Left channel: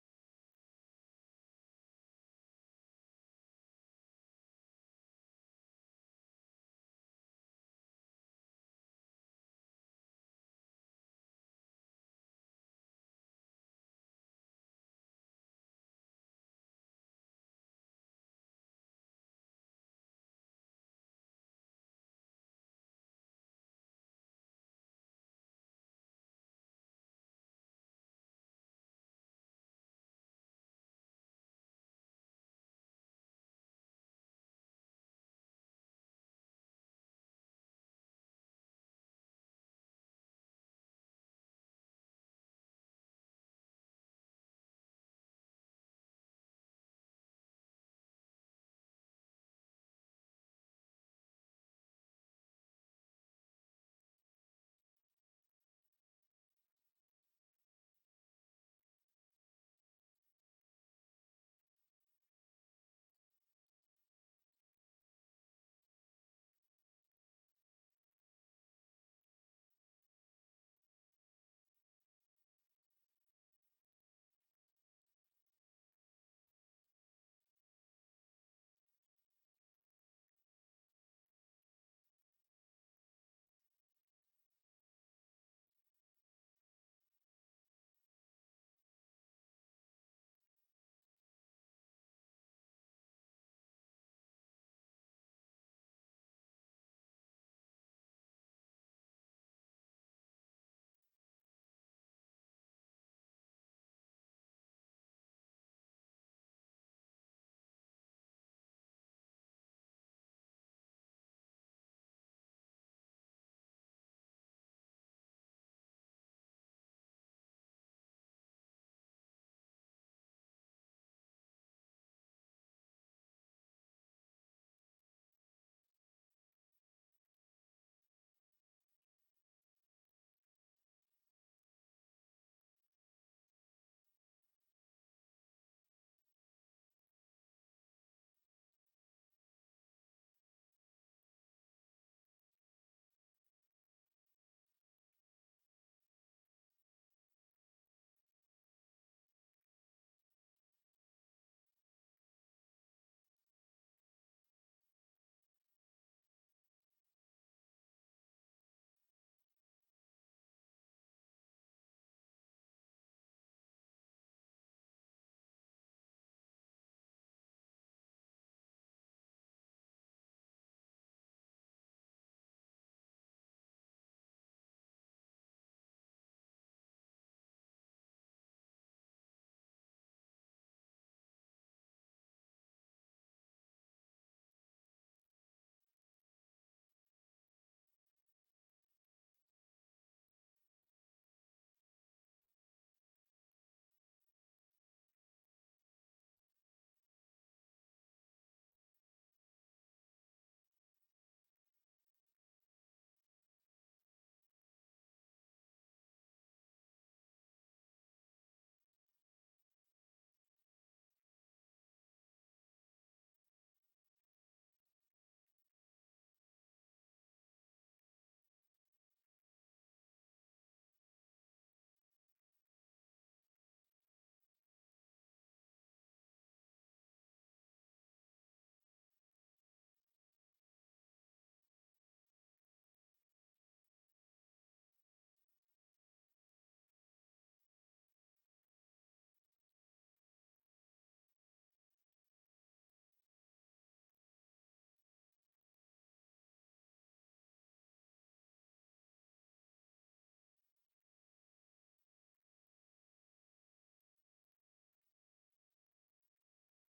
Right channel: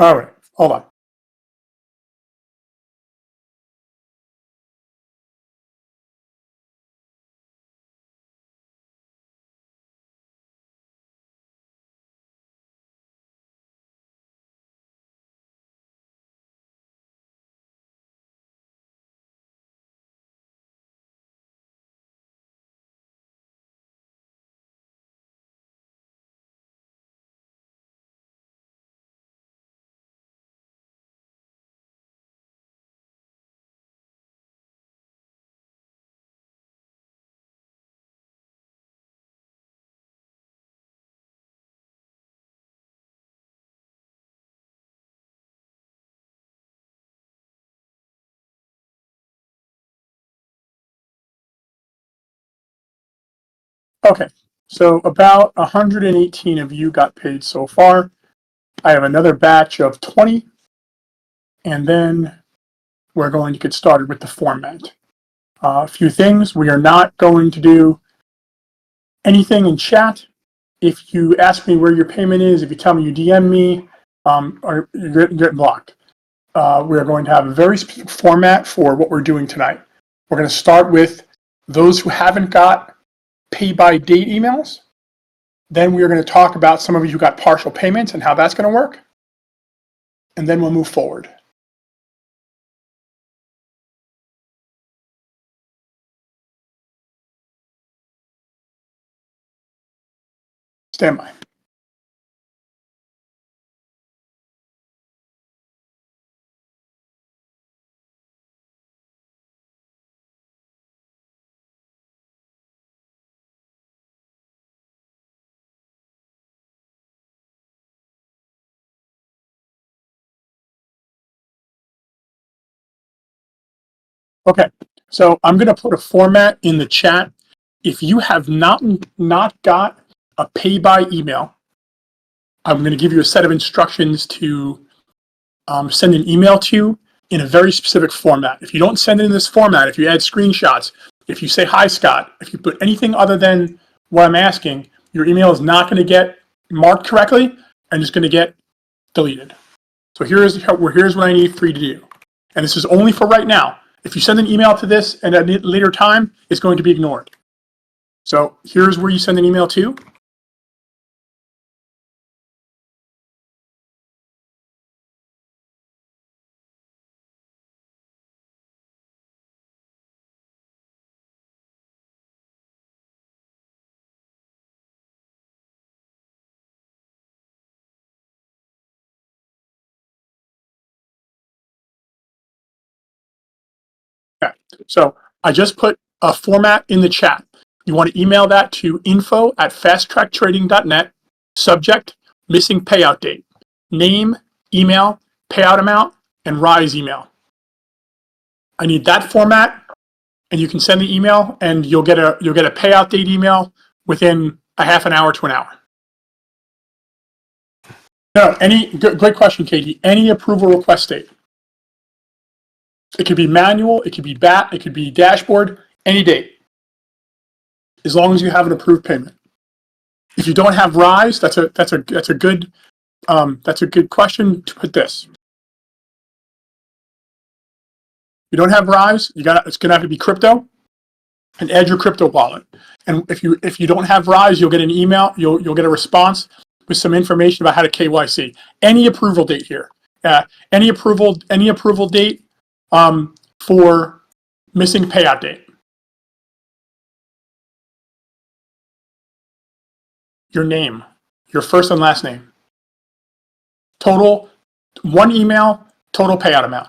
All right, hold on. Okay, so about 118 of you got paid so far. I have another batch of 20, and then we're going to get started with the format. A few things. We are not going to do anything in chat. If you ask me where your payment is, if you tell me you DM me, or you're getting blocked. We are going to have a very specific format for what we're doing tonight. We're going to start with those who haven't got pay by date emails. Then we are going to talk about some of you who got partial payments and how that's going to work. And then we'll move forward. Stand by. Okay, so I'm going to put a format in the chat. If you have not got a pay by email, I'm going to give you a set of instructions to send an email to you in a very specific format. If you don't send it in this format, if you add screenshots, if you say, hi, Scott, if you put anything other than what I'm asking, your email is not going to get marked correctly and it's going to get deleted. So here's what I need for you to do. And this is only for right now. If you send an email to this and at a later time, it's going to be ignored. So here's where you send an email to. Okay. So I just put a format in the chat. You want to email that to info@fasttracktrading.net. Subject, missing payout date. Name, email, payout amount, and rise email. I need that format, and you can send the email, and you'll get a payout date email within a half an hour to an hour. No, great question, Katie. Any approval request date. It could be manual, it could be BAT, it could be dashboard, any date, as long as you have an approved payment. If you don't have rise, that's a good question to put this. You don't have rise, it's gonna have to be crypto, and add your crypto wallet. And if you don't have rise, you'll get an email, you'll get a response with some information about how to KYC. Any approval date here, any approval date for missing payout date. Your name, your first and last name. Total, one email, total payout amount.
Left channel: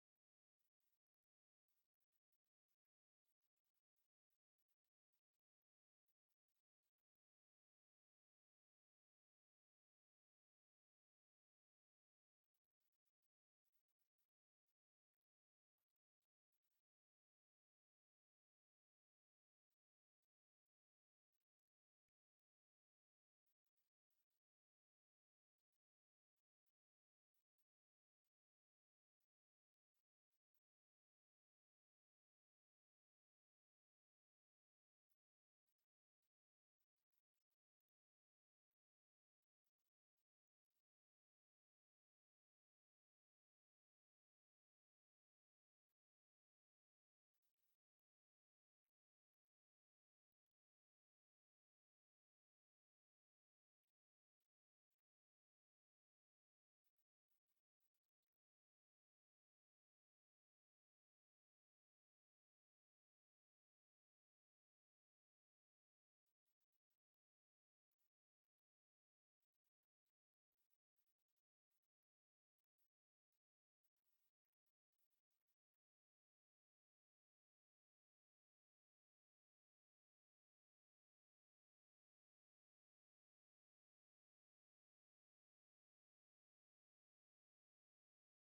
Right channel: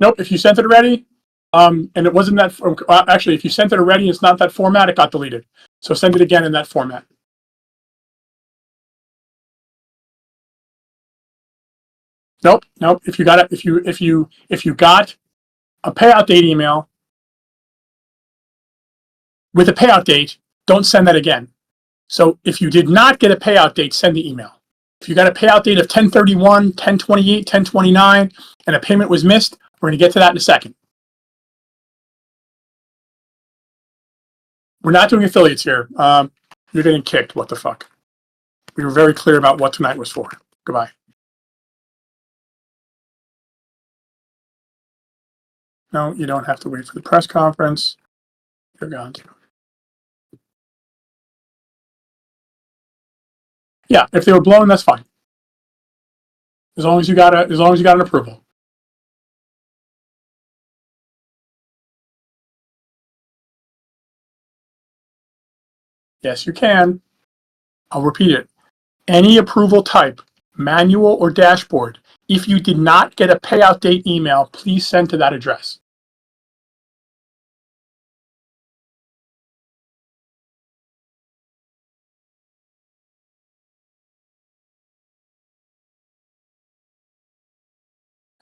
Nope, if you sent it already, and it wasn't that, actually, if you sent it already, it's not that format, it got deleted. So send it again in that format. Nope. If you got it, if you got a payout date email with a payout date, don't send that again. So if you did not get a payout date, send the email. If you got a payout date of 10/31, 10/28, 10/29, and a payment was missed, we're going to get to that in a second. We're not doing affiliates here. You're getting kicked. What the fuck? We were very clear about what tonight was for. Goodbye. No, you don't have to wait for the press conference. You're going to. Yeah, if they were blown, that's fine. As long as you got an approval. Yes, you can. I'll repeat it. Any approval type, manual or dashboard, if you did not get a payout date email, please send to that address.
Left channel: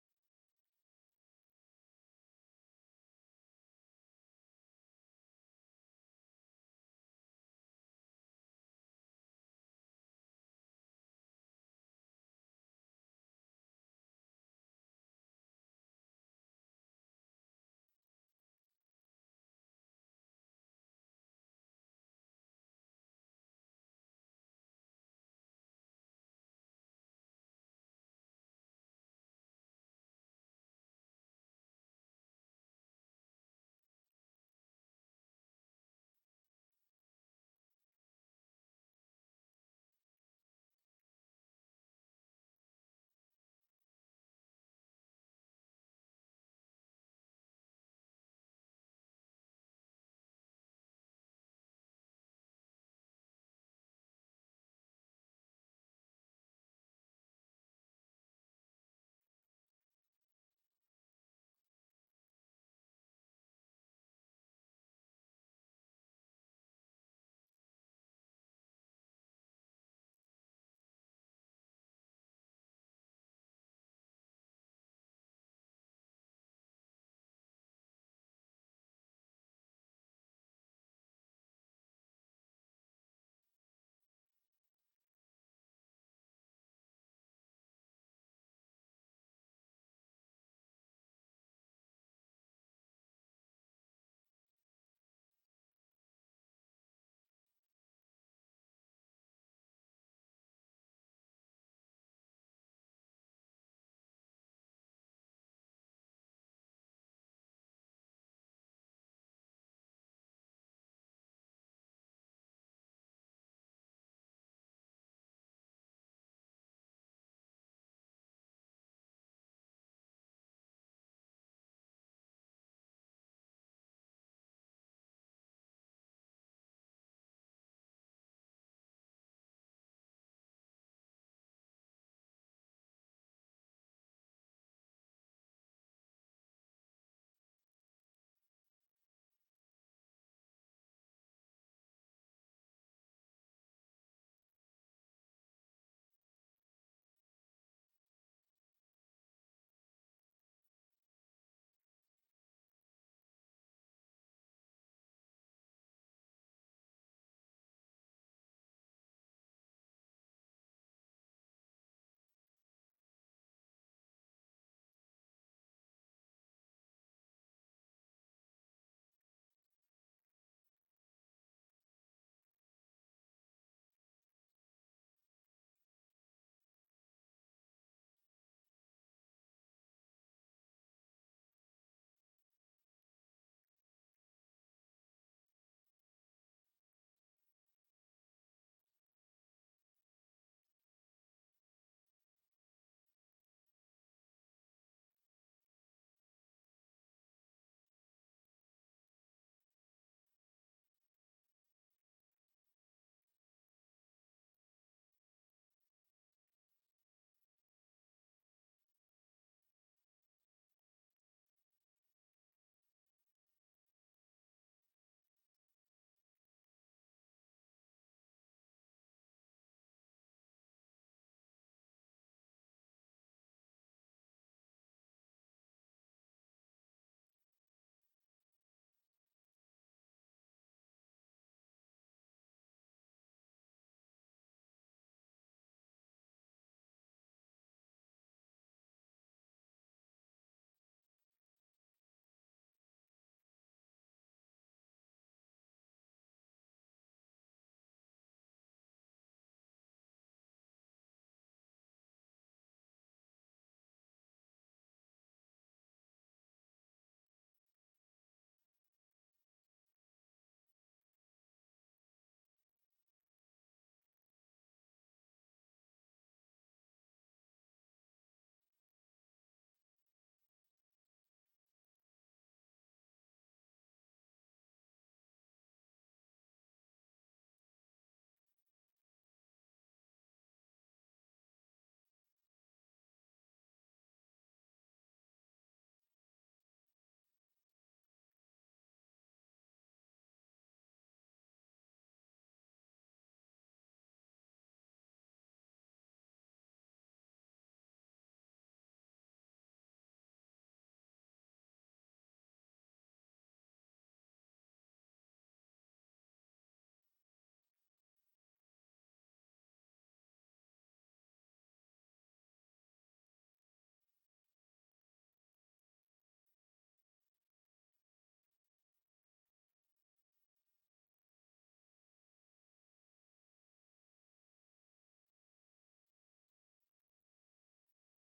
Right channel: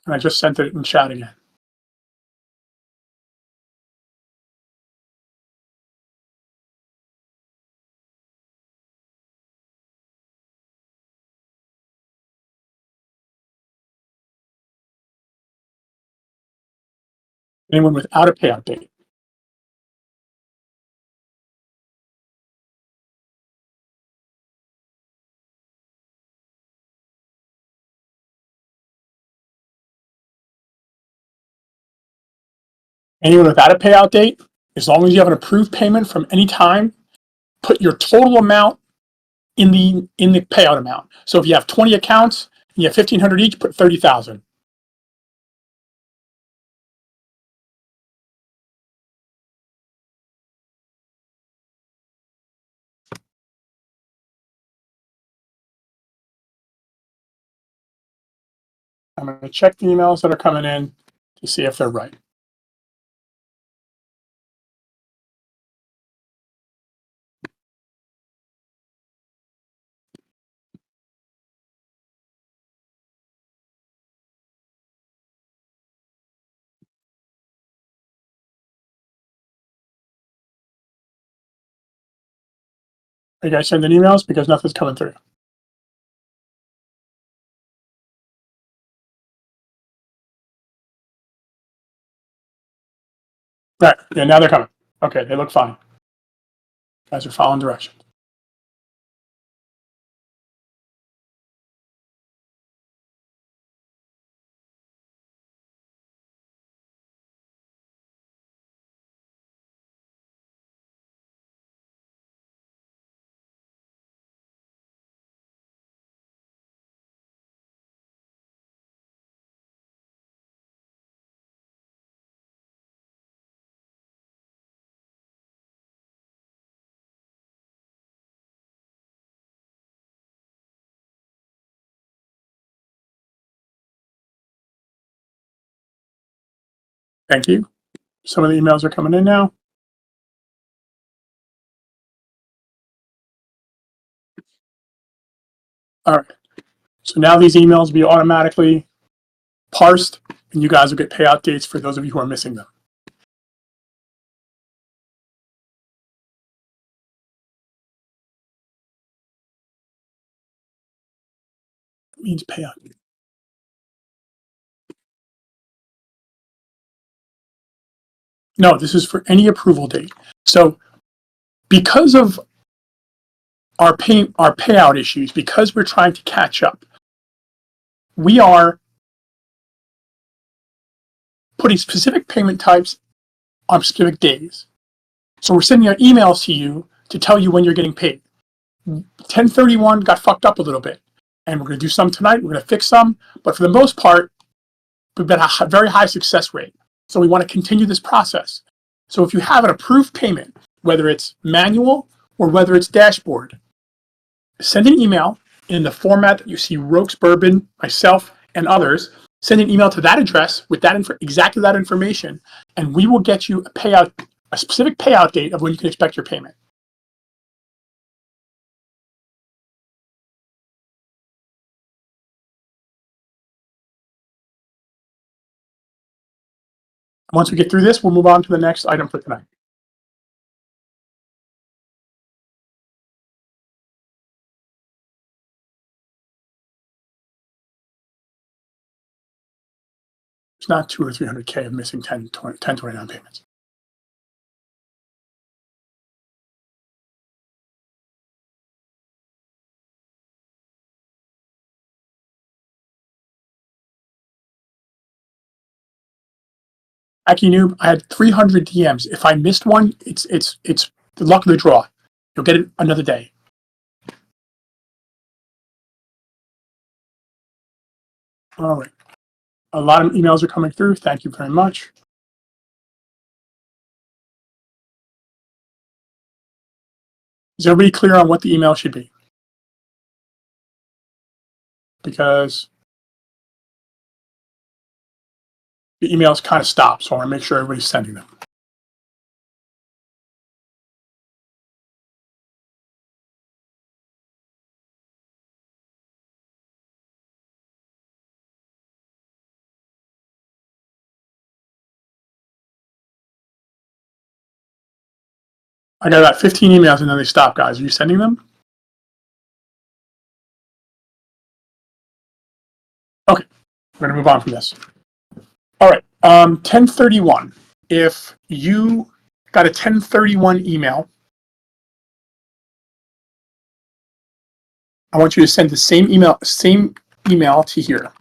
And I just sent it in chat again. Anyone without a payout date. Anyone without a payout date, as long as you have an approved payment from any time, put your total amount in the payout amount. So if you have 20 accounts and you have 1,500 each, put 30,000. I'm going to check the emails that are coming in to see if they're right. Are you guys sending emails? Because nothing's coming through. Right. Yeah, now they're coming. Okay, they look fine. Guys are following directions. Thank you. Some of the emails are coming in now. All right. So now these emails will be automatically parsed, and you guys will get payout dates for those of you who are missing them. It means payout. No, this is for any approval date. So because of our payout issues, because we're trying to catch up, we are putting specific payment types on specific days. So we're sending out emails to you to tell you when you're getting paid. 1031 got fucked up a little bit, and we're going to do some tonight. We're going to fix some, but for the most part, we've got a very high success rate. So we want to continue this process. So if you have an approved payment, whether it's manual or whether it's dashboard, send an email in the format that you see Rokes Bourbon, myself, and others. Send an email to that address with that exactly that information, and we will get you a specific payout date of when you can expect your payment. Once we get through this, we'll move on to the next item for tonight. It's not 2 or 300K of missing 1029 payments. Aki Noob, I had 300 DMs. If I missed one, it's the luck of the draw. You'll get it another day. All right. A lot of emails are coming through. Thank you very much. Is everybody clear on what the email should be? Because the emails kind of stop, so I want to make sure everybody's sending them. I got about 15 emails and then they stop, guys. Are you sending them? Okay, we're gonna move on from this. All right, 1031. If you got a 1031 email, I want you to send the same email to here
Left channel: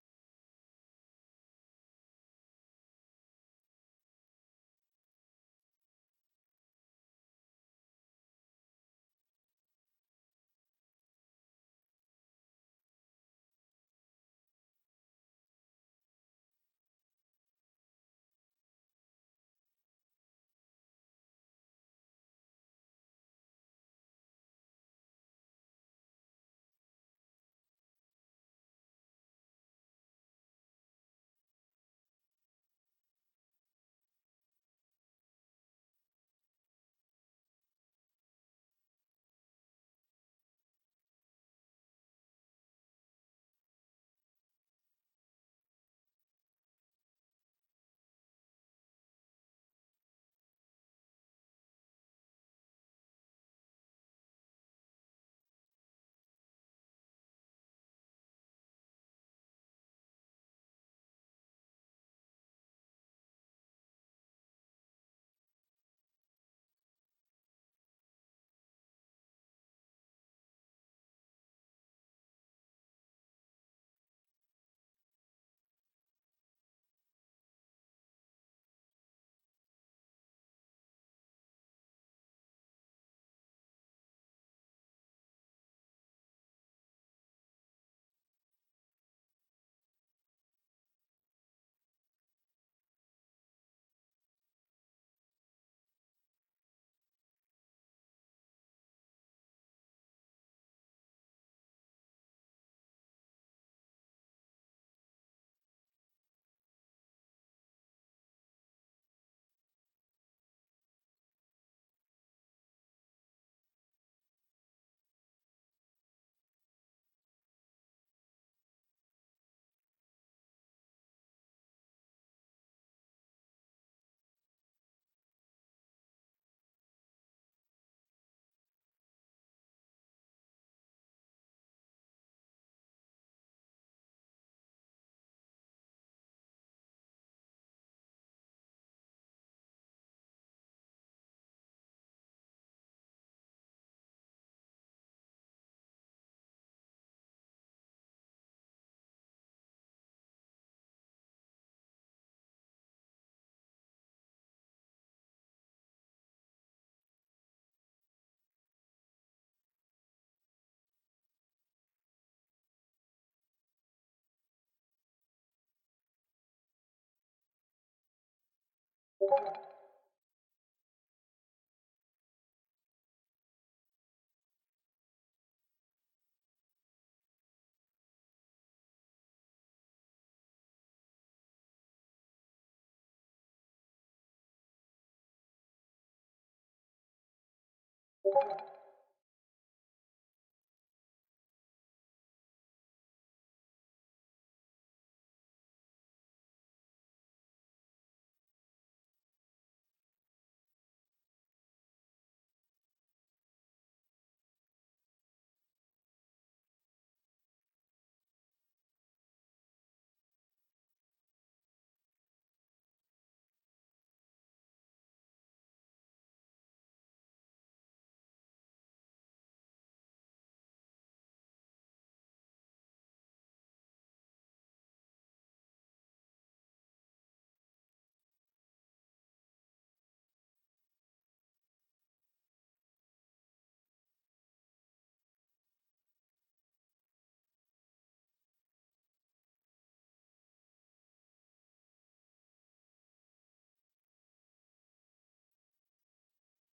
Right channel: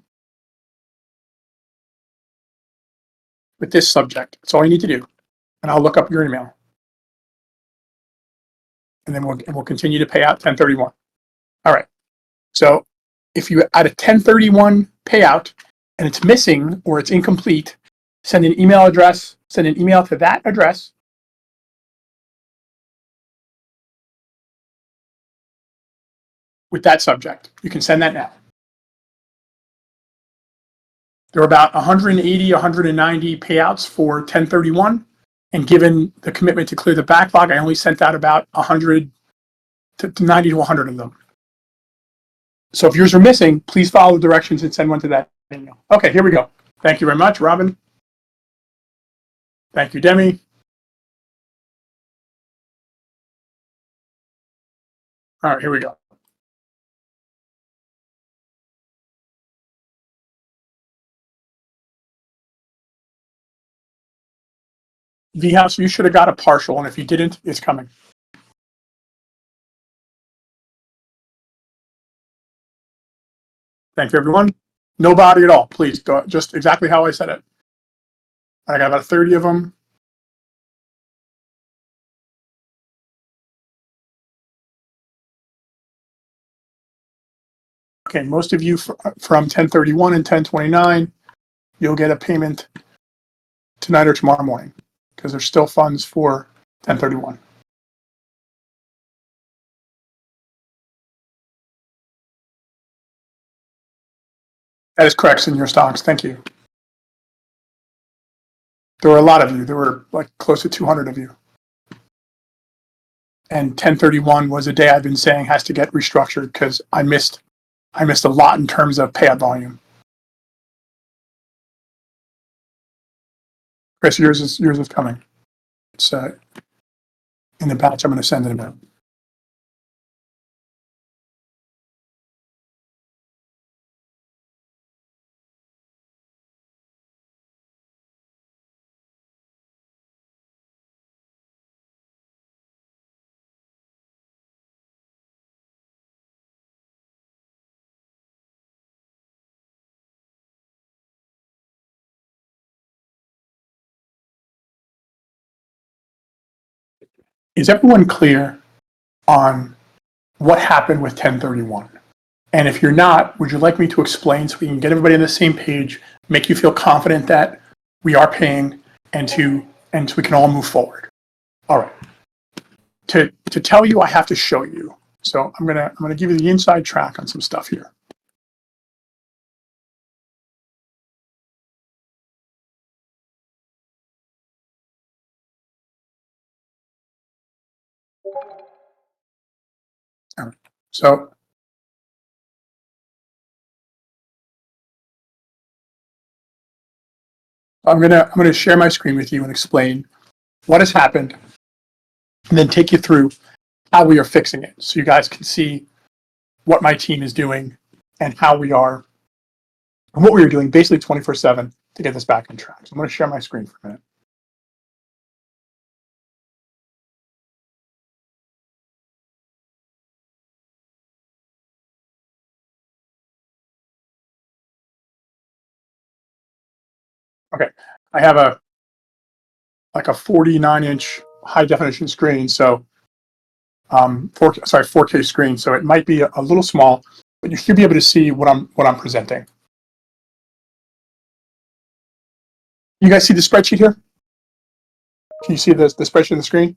with this subject. That's all you need to do, and I'll look up your email, and then we'll continue to pay out 1031. All right. So if you add a 1031 payout and it's missing or it's incomplete, send an email to that address. With that subject. You can send that now. There are about 180, 190 payouts for 1031. And given the commitment to clear the backlog, I only sent out about 100 to 90 to 100 of them. So if yours are missing, please follow the directions and send one to that email. Okay, here we go. Thank you very much, Robin. Thank you, Demi. All right, here we go. V-House, you should have got a partial, and if you didn't, it's coming. Thank you, everyone. No body at all, please. Just exactly how I said it. I got about 30 of them. Okay, most of you from 1031 and 1029, you'll get a payment tonight or tomorrow morning because there's still funds for 1031. That is correct in your stocks. Thank you. There were a lot of you. There were like close to 200 of you. And 1031 was a day I've been saying has to get restructured because I missed a lot in terms of payout volume. Chris, yours is coming. It's in the batch I'm going to send it about. Is everyone clear on what happened with 1031? And if you're not, would you like me to explain so we can get everybody on the same page, make you feel confident that we are paying, and so we can all move forward? All right. To tell you, I have to show you. So I'm gonna give you the inside track on some stuff here. All right. So I'm gonna share my screen with you and explain what has happened, and then take you through how we are fixing it, so you guys can see what my team is doing and how we are, and what we are doing basically 24/7 to get this back on track. So I'm going to share my screen for a minute. Okay, I have a like a 49-inch high definition screen, so 4K screen, so it might be a little small, but you should be able to see what I'm presenting. You guys see the spreadsheet here? Can you see the spreadsheet on the screen?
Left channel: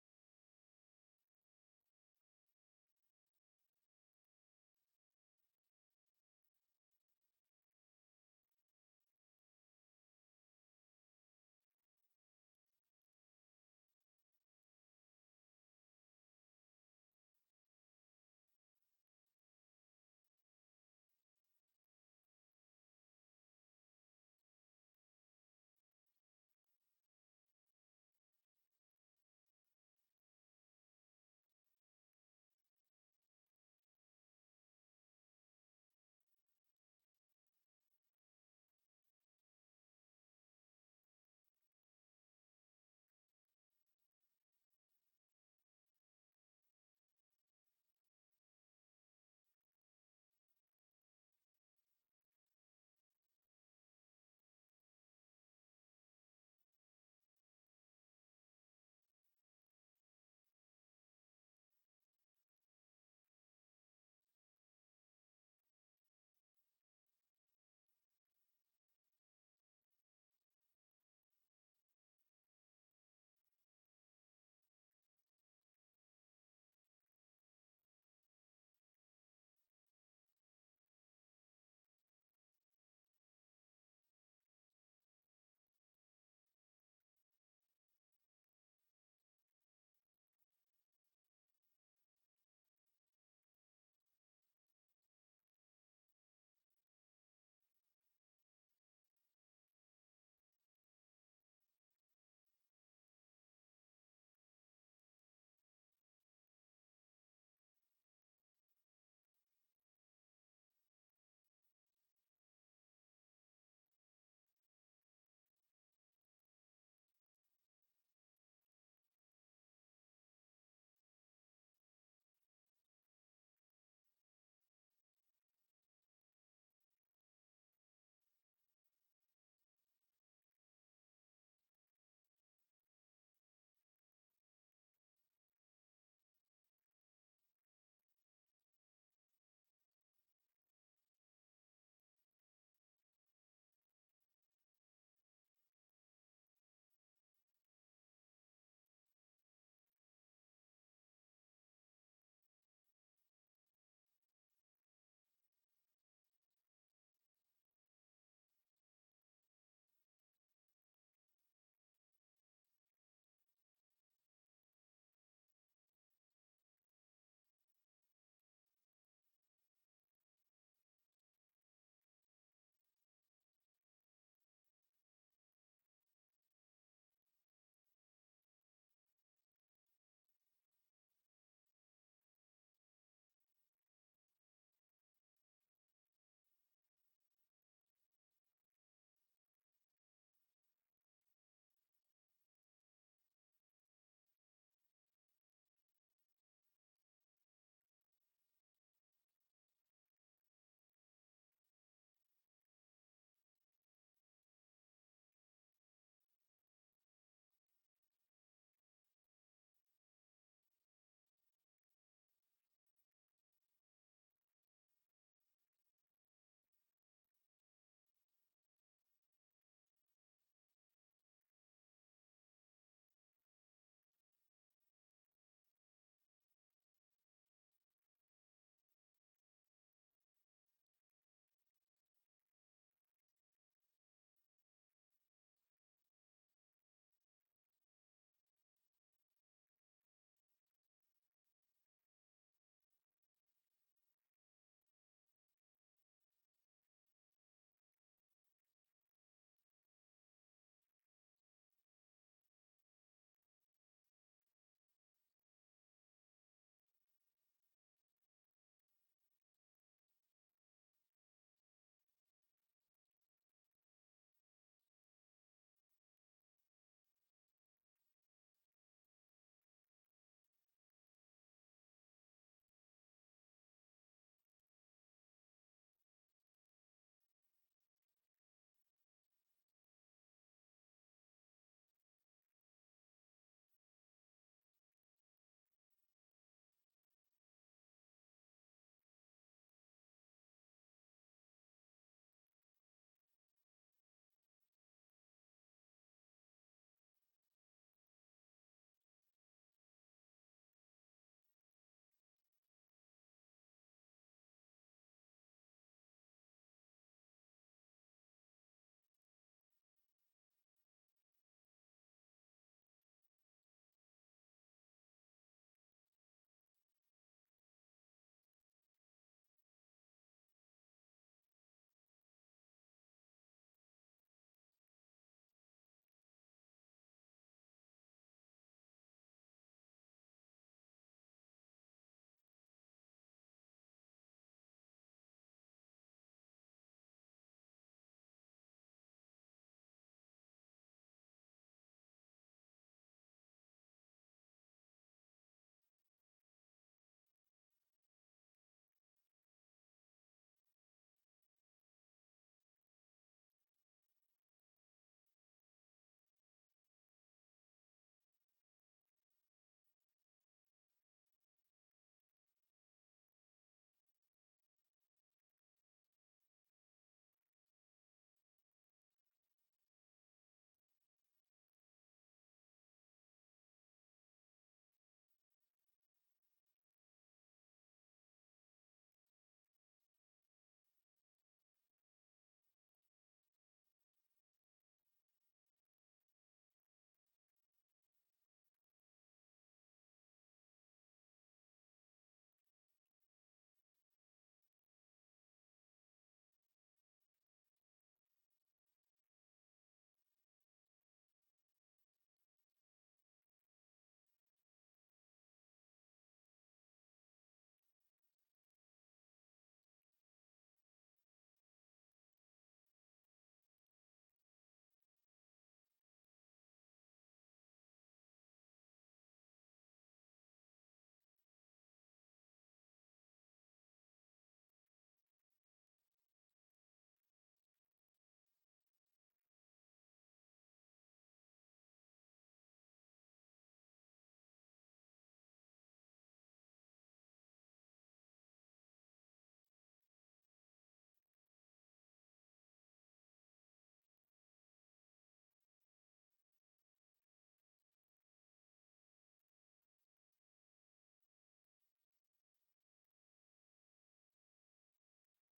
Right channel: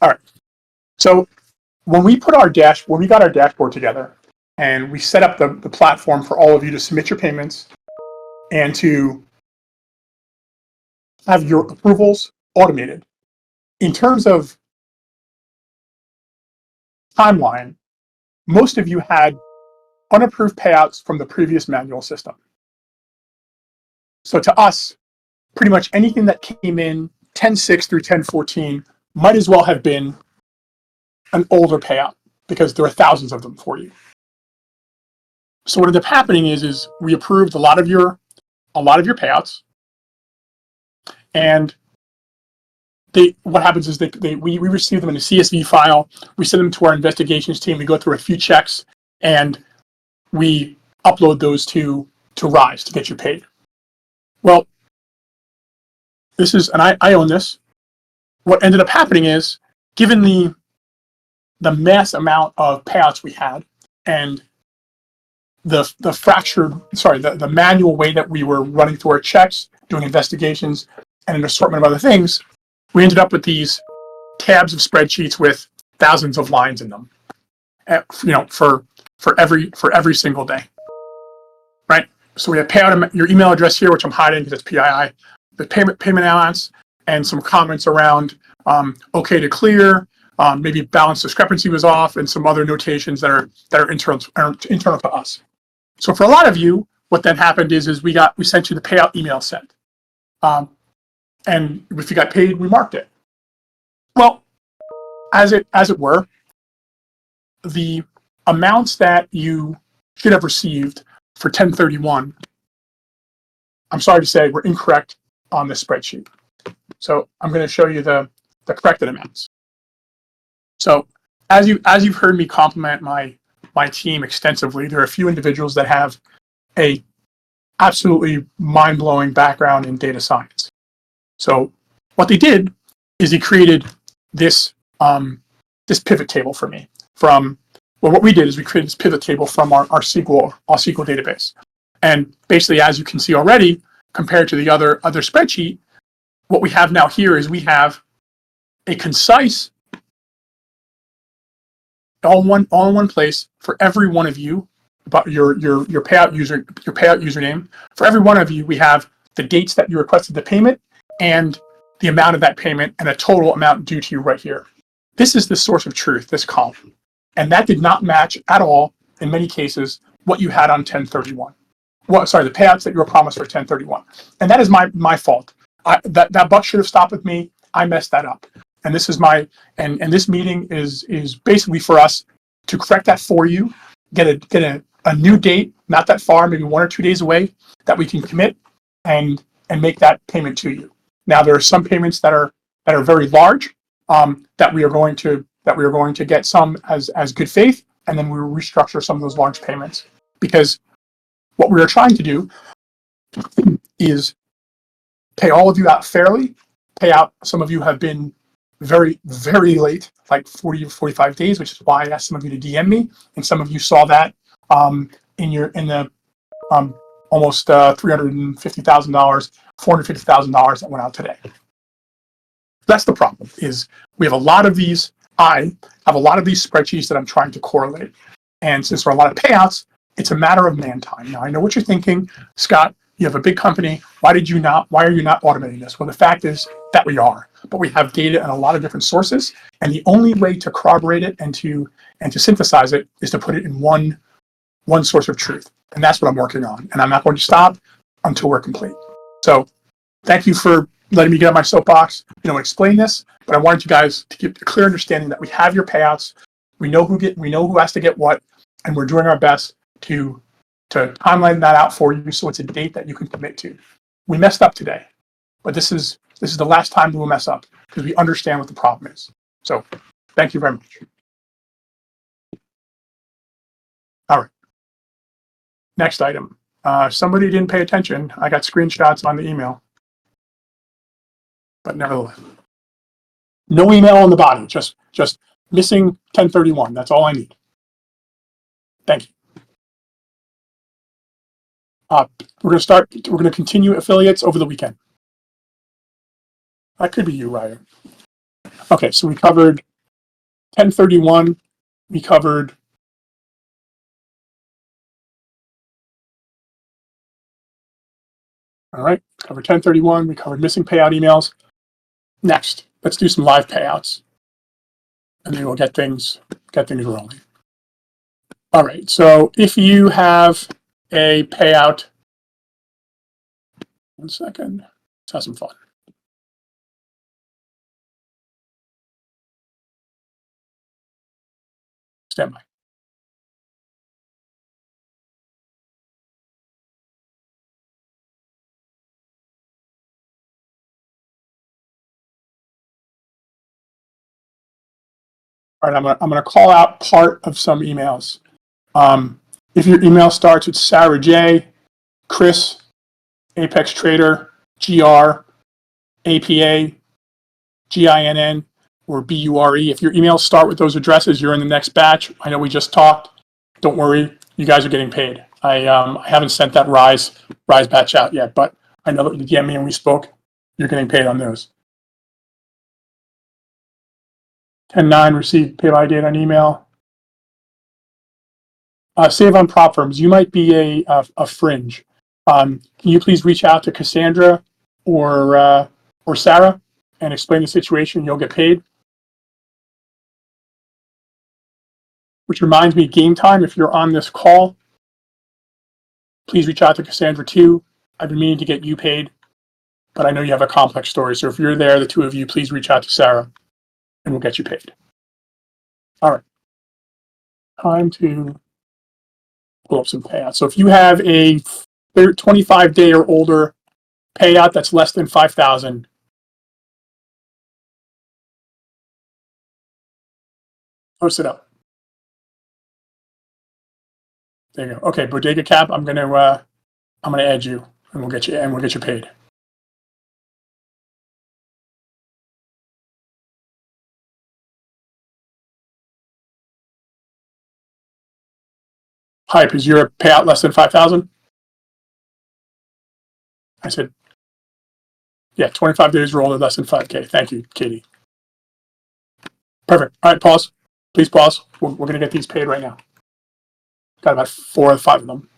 All right. So when we got our dashboard together and we set up the platform for all of you to submit your payments and to have your approvals automated, in terms of timeline, most of you had unapproved payouts from the previous manual system. So to us, pretty much anything that came in 10.6 through 10.14 might as well have been an older payout because there are thousands of them for you. So what ended up happening is we approved a lot of your payouts, and what happens is we receive them in a CSV file. We send them to our investigations team. We go through a few checks, and we upload those to Rise to get you paid. Well, this is, and I own this. What ended up happening is, given the mass amount of payouts we had and the manual way that we were running through our checks, doing investigations, and an assortment of other things, we ended up with these tabs of spreadsheets with thousands of lines in them, for every single day, right? So we have payout, your email address here, which I'm hiding because it's PII, the payment amounts, and some comments around okay to clear, maybe balance discrepancy was off, and some other notations that are internal to us. So for a lot of you, what then happened is we sent you the payout email sent, and if you got paid, we marked it. Well, as it were, the amounts that you should have received for 1031, I'm sorry to say, were incorrect on this spreadsheet. So I'm going to show you the corrected amounts. So as you've heard me compliment my team extensively, there are a few individuals that have a absolutely mind-blowing background in data science. So what they did is they created this pivot table for me. What we did is we created this pivot table from our SQL database. And basically, as you can see already, compared to the other spreadsheet, what we have now here is we have a concise, all in one place for every one of you about your payout username. For every one of you, we have the dates that you requested the payment and the amount of that payment and a total amount due to you right here. This is the source of truth, this column. And that did not match at all, in many cases, what you had on 1031. Well, sorry, the payouts that you were promised for 1031. And that is my fault. That buck should have stopped with me. I messed that up. And this is and this meeting is basically for us to correct that for you, get a new date, not that far, maybe 1 or 2 days away, that we can commit and make that payment to you. Now there are some payments that are very large, that we are going to get some as good faith, and then we will restructure some of those large payments, because what we are trying to do is pay all of you out fairly, pay out. Some of you have been very, very late, like 40 or 45 days, which is why I asked some of you to DM me, and some of you saw that in the almost $350,000, $450,000 that went out today. That's the problem. Is we have a lot of these. I have a lot of these spreadsheets that I'm trying to correlate, and since there are a lot of payouts, it's a matter of man time. Now I know what you're thinking, Scott. You have a big company. Why are you not automating this? Well, the fact is that we are, but we have data in a lot of different sources, and the only way to corroborate it and to synthesize it is to put it in one source of truth, and that's what I'm working on. And I'm not going to stop until we're complete. So, thank you for letting me get on my soapbox, explain this. But I wanted you guys to get a clear understanding that we have your payouts. We know who has to get what, and we're doing our best to timeline that out for you so it's a date that you can commit to. We messed up today, but this is the last time we will mess up because we understand what the problem is. So thank you very much. All right. Next item. Somebody didn't pay attention. I got screenshots on the email. but nevertheless. No email on the body, just missing 1031. That's all I need. Thank you. We're going to continue affiliates over the weekend. That could be you, Ryan. Okay, so we covered 1031. We covered all right, covered 1031. We covered missing payout emails. Next, let's do some live payouts, and then we'll get things rolling. All right, so if you have a payout, one second, let's have some fun. Stand by. All right, I'm gonna call out part of some emails. If your email starts with Sarah J, Chris, Apex Trader, GR, APA, GINN, or BURE. If your emails start with those addresses, you're in the next batch. I know we just talked. Don't worry, you guys are getting paid. I haven't sent that Rise batch out yet, but I know that you get me and we spoke. You're getting paid on those. 10-9 received pay by date on email. Save on prop firms. You might be a fringe. Can you please reach out to Cassandra or Sarah and explain the situation? You'll get paid. Which reminds me, game time, if you're on this call, please reach out to Cassandra too. I've been meaning to get you paid, but I know you have a complex story. So if you're there, the two of you, please reach out to Sarah and we'll get you paid. All right. Time to pull up some payouts. So if you have a 25-day or older payout that's less than 5,000, post it up. There you go. Okay, Bodega Cap, I'm gonna add you and we'll get you paid. Hype, is your payout less than 5,000? I said, yeah, 25 days or older, less than 5K. Thank you, Katie. Perfect. All right, pause. Please pause. We're going to get these paid right now. Got about 4 or 5 of them.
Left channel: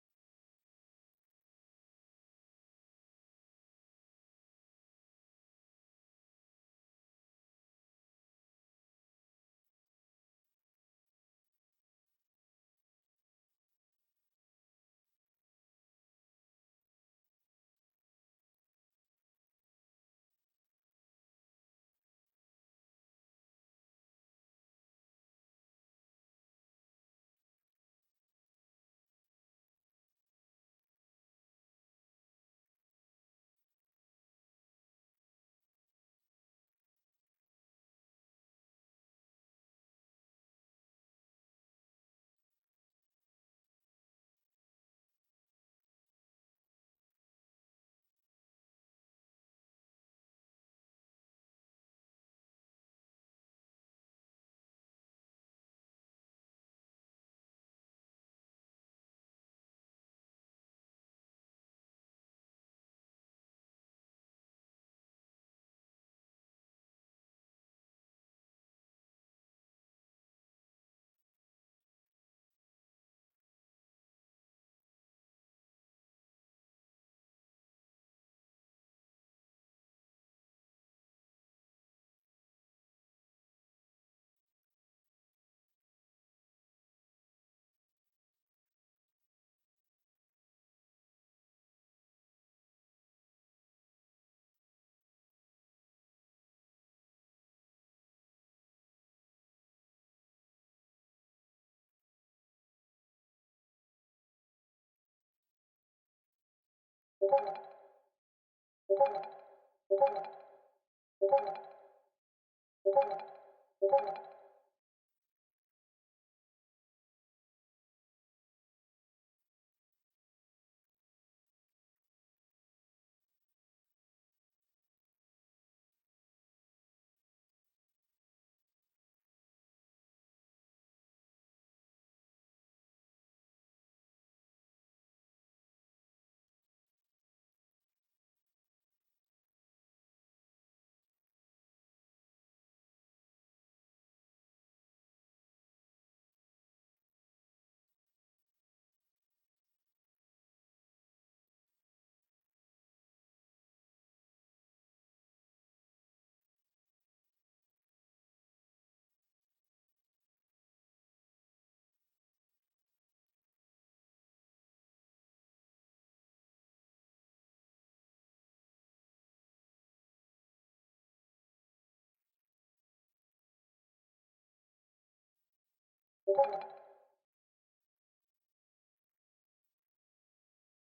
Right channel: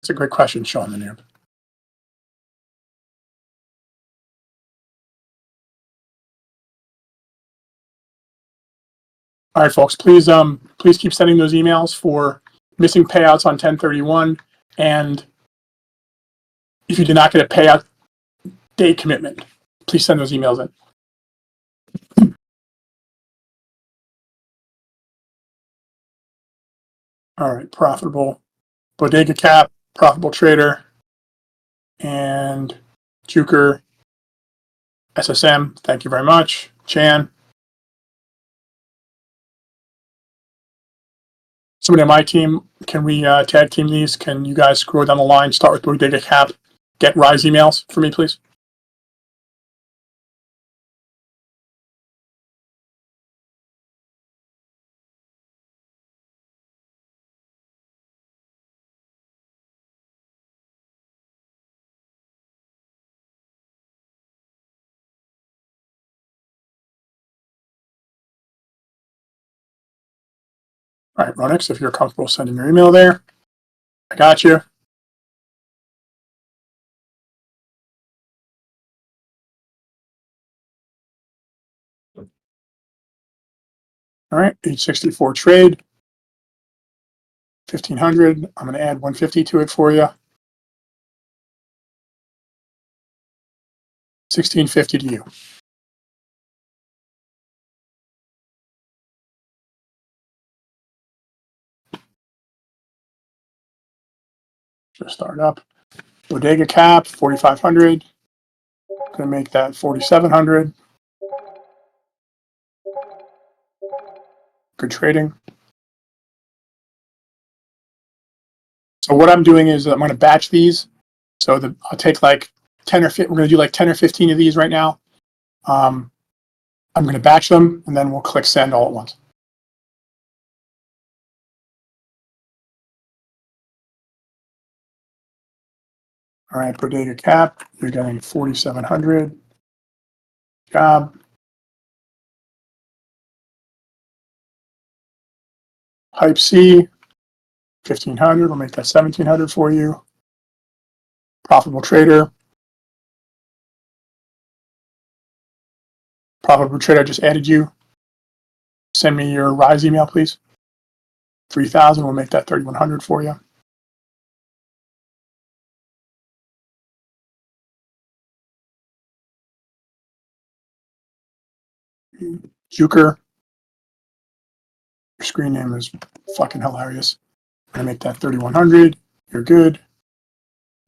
It's a great question, Sean the Noob. All right, folks, please keep sending those emails for missing payouts on 1031. And if you did not get a payout date commitment, please send those emails in. All right, profitable Bodega Cap, profitable trader, and Juker SSM. Thank you very much, Chan. Somebody on my team, can we tag team these? Can you guys scroll down the line, start with Bodega Cap, get Rise emails for me, please? All right, Ronix, if you're comfortable sending your email there, I got you. All right, 864 trade, 1,500. I'm going to add 150 to it for you. 1,650 to you. Just start up. Bodega Cap, 4,500. Going to make that 4,700. Good trading. So what I'm doing is I'm going to batch these So I'll take like 10 or 15, we're going to do like 10 or 15 of these right now. I'm going to batch them, and then we'll click send all at once. All right, bodega cap, you're getting 4,700. Job. Type C, 1,500. We'll make that 1,700 for you. Profitable trader. Profitable trader, I just added you. Send me your Rise email, please. 3,000. We'll make that 3,100 for you. Juker. Your screen name is fucking hilarious. I'm gonna make that 3,100. You're good.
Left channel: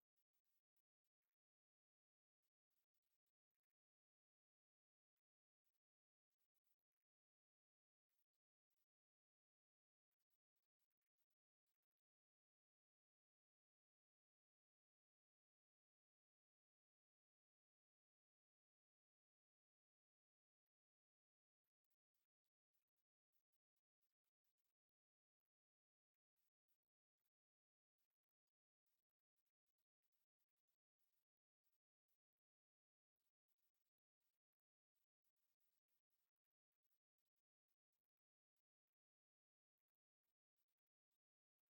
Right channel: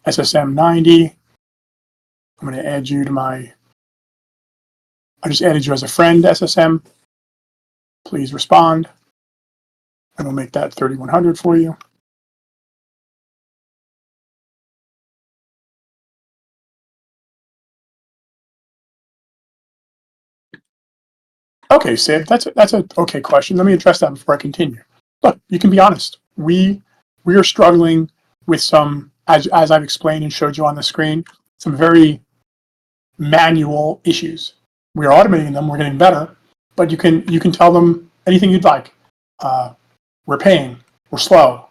SSM 90. I'm gonna add you to my. I just added you as a friend, SSM. Please respond. And we'll make that 3,100 for you. Okay, Sid, that's a okay question. Let me address that before I continue. Look, you can be honest. We are struggling with some, as I've explained and showed you on the screen, some very manual issues. We are automating them. We're getting better, but you can tell them anything you'd like. We're paying. We're slow.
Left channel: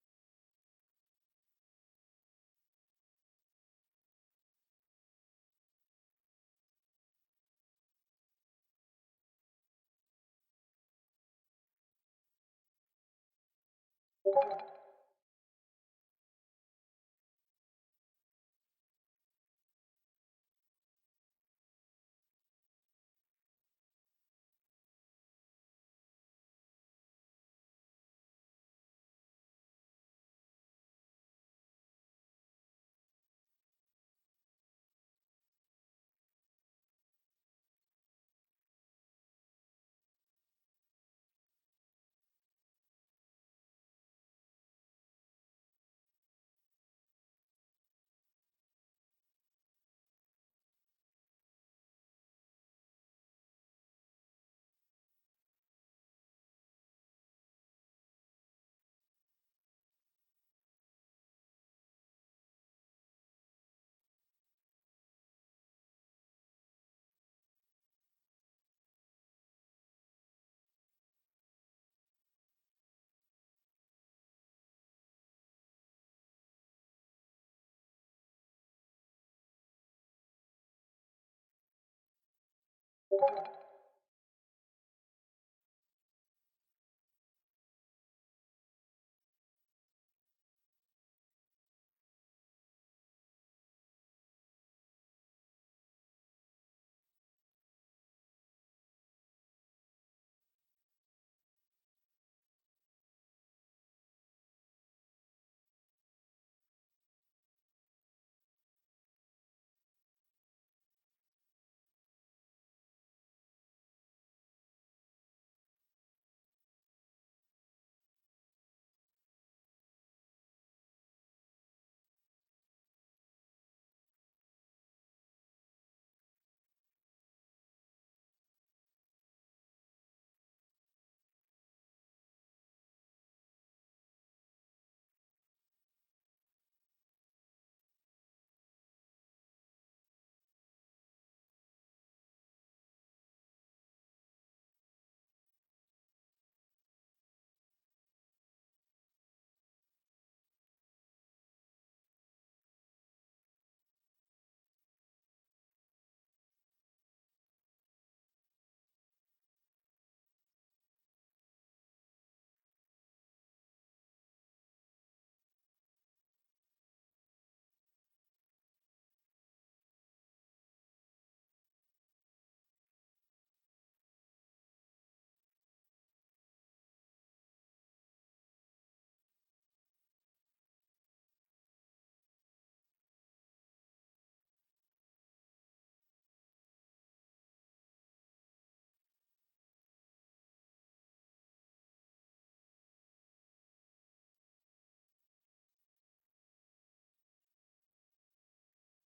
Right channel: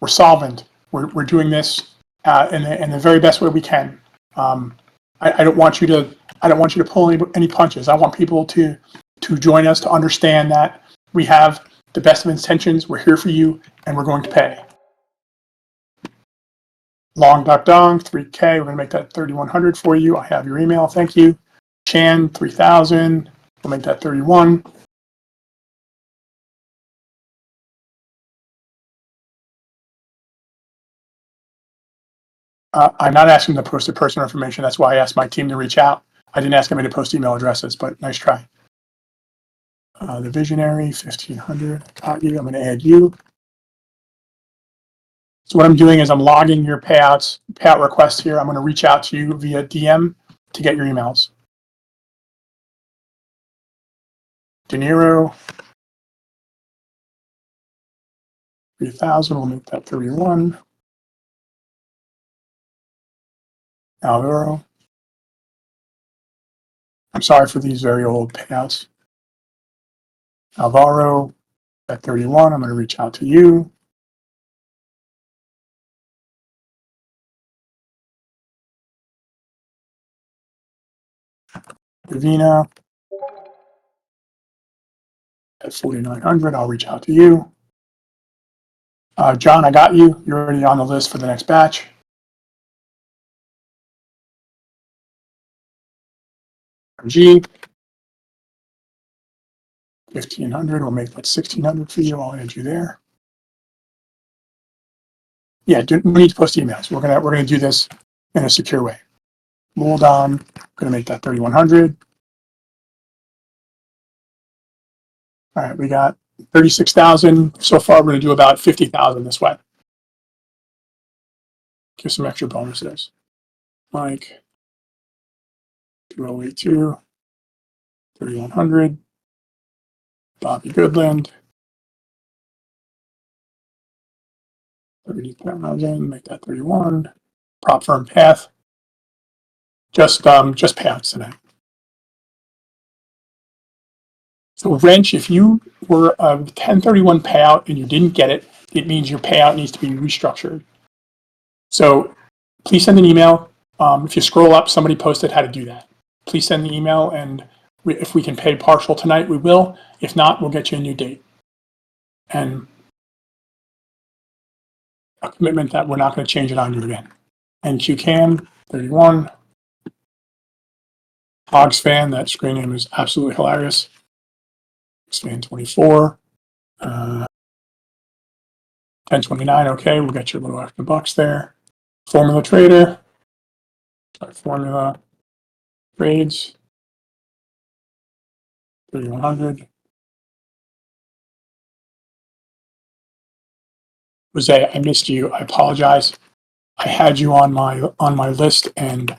We're solvent. We're doing this in the very best way we can. I don't want you to pull any punches. I want people to join us, to understand that we have the best of intentions. We're here for you, and we're going to pay. Long Duck Dong, 3K. We're going to make that 3,100 for you. I have your email. Thank you. Chan, 3,000. We'll make that 31. I'm not asking to post their personal information. That's why I asked my team to reach out. I didn't ask anybody to post email addresses, but nice try. The Visionary, 1,500. Got you. I'm going to add you. So what I'm doing is I'm logging your payout request here. I'm going to reach out to you via DM to get your emails. De Niro, 3,000. We'll make that 31. Alvaro. I'm sorry for these very old payouts. Alvaro at 31. I'm going to reach out to you. Davina at 4,900. I'll reach out to you. John, I got you. You're already on the list for the next batch. G, 1,500. We'll make that 1,600 for you. I'll add you there. Yeah, we need to post emails. We're gonna do this in a secure way. Hold on. Gonna make that 3,100. All right, we got 36,000 so far. We're gonna do about 50,000 this way. Give some extra bonuses. Mike, 2082, 3,100. Bobby Goodland, 30,000. Make that 31. Prop firm path. Just payouts tonight. So Wrench, if you were a 1031 payout and you didn't get it, it means your payout needs to be restructured. So please send an email. If you scroll up, somebody posted how to do that. Please send the email, and if we can pay partial tonight, we will. If not, we'll get you a new date. And a commitment that we're not going to change it on you again. And QCam, 31. Hogs fan, that screen name is absolutely hilarious. Fan 24. 1029, okay, we'll get you a little extra bucks there. Formula Trader. Formula Trades. 3,100. Jose, I missed you. I apologize. I had you on my list, and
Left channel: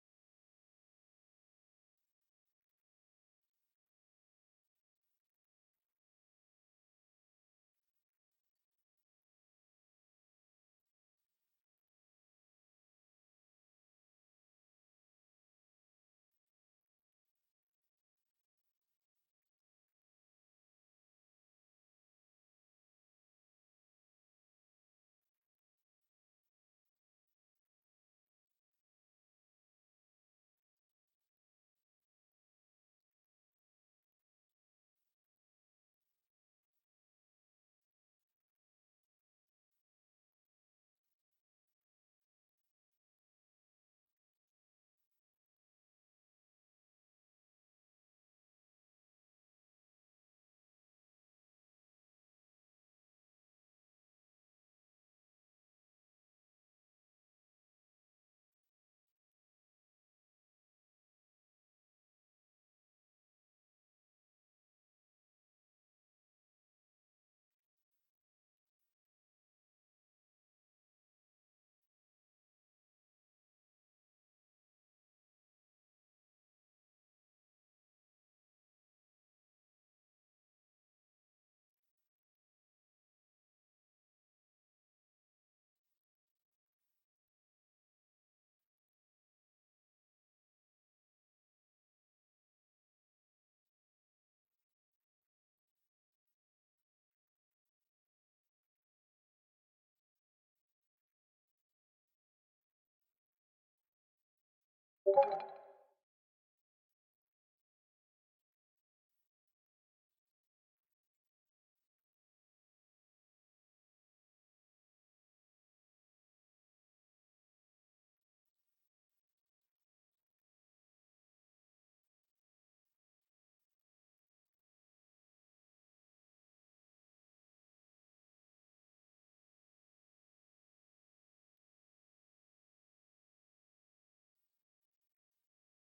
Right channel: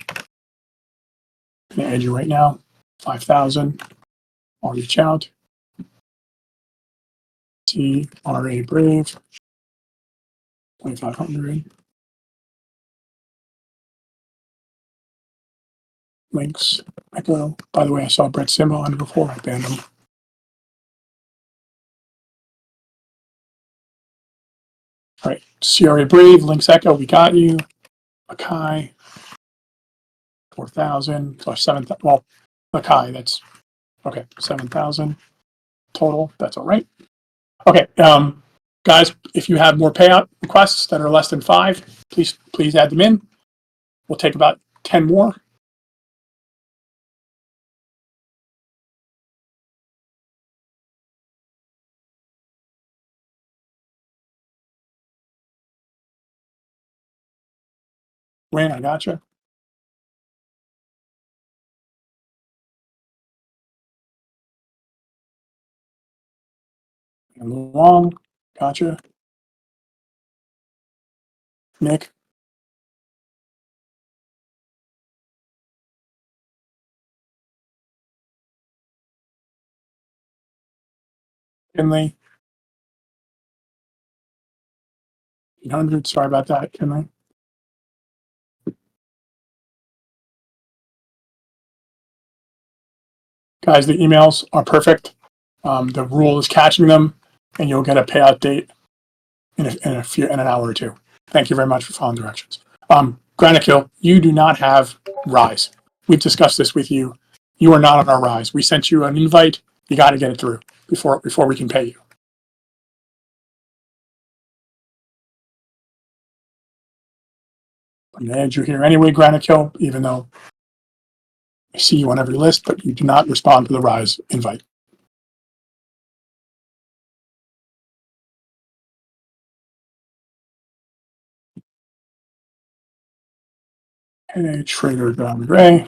I'm gonna add you right now. 5,000. I'll reach out. TRA Brave. 2,500. Links. Echo. By the way, I saw Brett Simba on it before. I banned him. All right. CRA Brave. Links Echo. We got you. Akai. 4,000 plus 7,000. Well, Akai. That's okay. 7,000 total. That's all right. Okay. Guys, if you have more payout requests that are less than 5, please add them in. We'll take about 10 more. Wayne, I gotcha. Long, gotcha. Nick. Kinley. 800. Sorry about that, Kinley. Guys, the emails are perfect. The rule is catching them, and you'll get a payout date in an hour or two. Thank you very much for following directions. Granikill, you do not have Rise. We've discussed this with you. You are not on our Rise. We sent you an invite. You got to get it through before we can pay you. I'm going to add you here anyway, Granikill, even though I see you on every list, but you do not respond to the Rise invite. Hey, Trader Don Gray.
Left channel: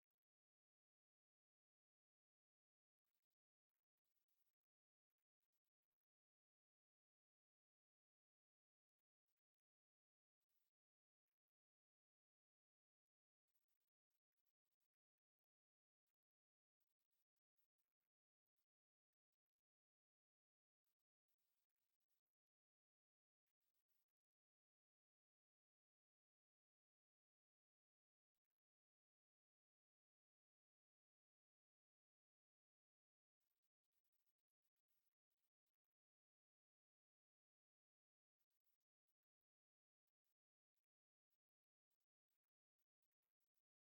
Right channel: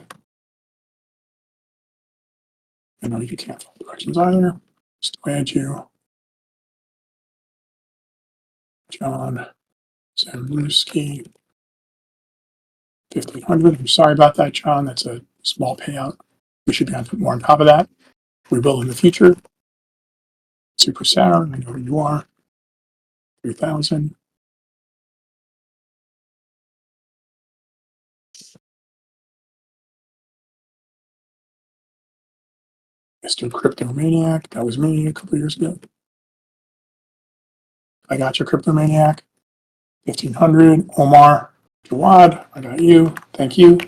I know you can't follow directions either. Just add you. John Blusky. 1,500. I'm sorry about that, John. That's a small payout. We should be on more on top of that. We will in the future. Super Sarah, I know who you are. 3,000. Mr. Cryptomaniac, that was me a couple of years ago. I got your Cryptomaniac. 1,500. Omar Jawad, I got you. Thank you.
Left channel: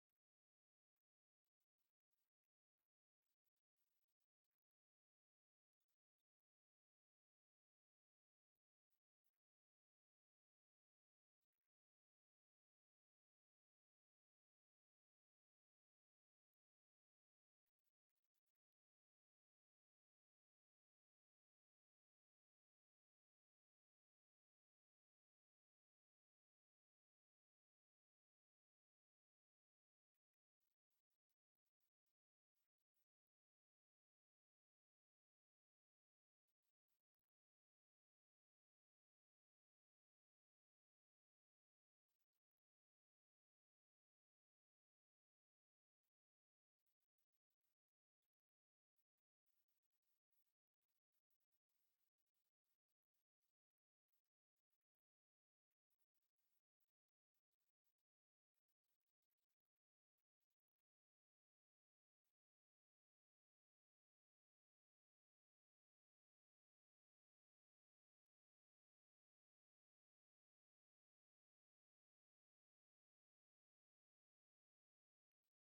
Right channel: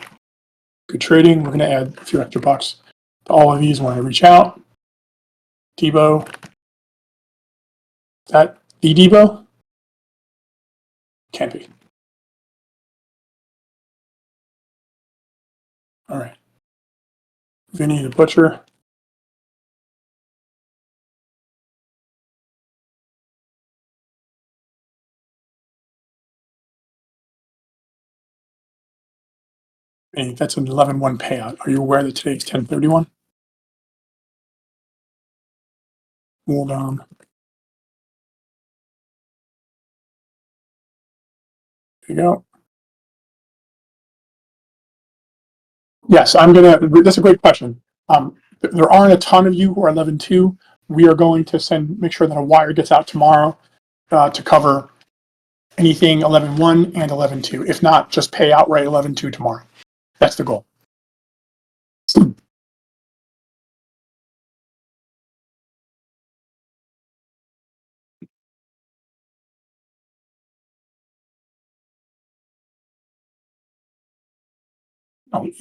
Good trading. We're going to add a few extra bucks to all of these when I reach out. Debo. Is that the Debo? Can't be. All right. Vinny the Butcher. Vinny, that's an 11-1 payout. Are you aware that today's 10/31? Hold on. There you go. Yes, that's a great question. There aren't a ton of you who are 11-2. We are going to make sure that a wire gets out tomorrow to cover anything 11-1 and 11-2. If not, just pay outright 11-2 tomorrow. That's the goal.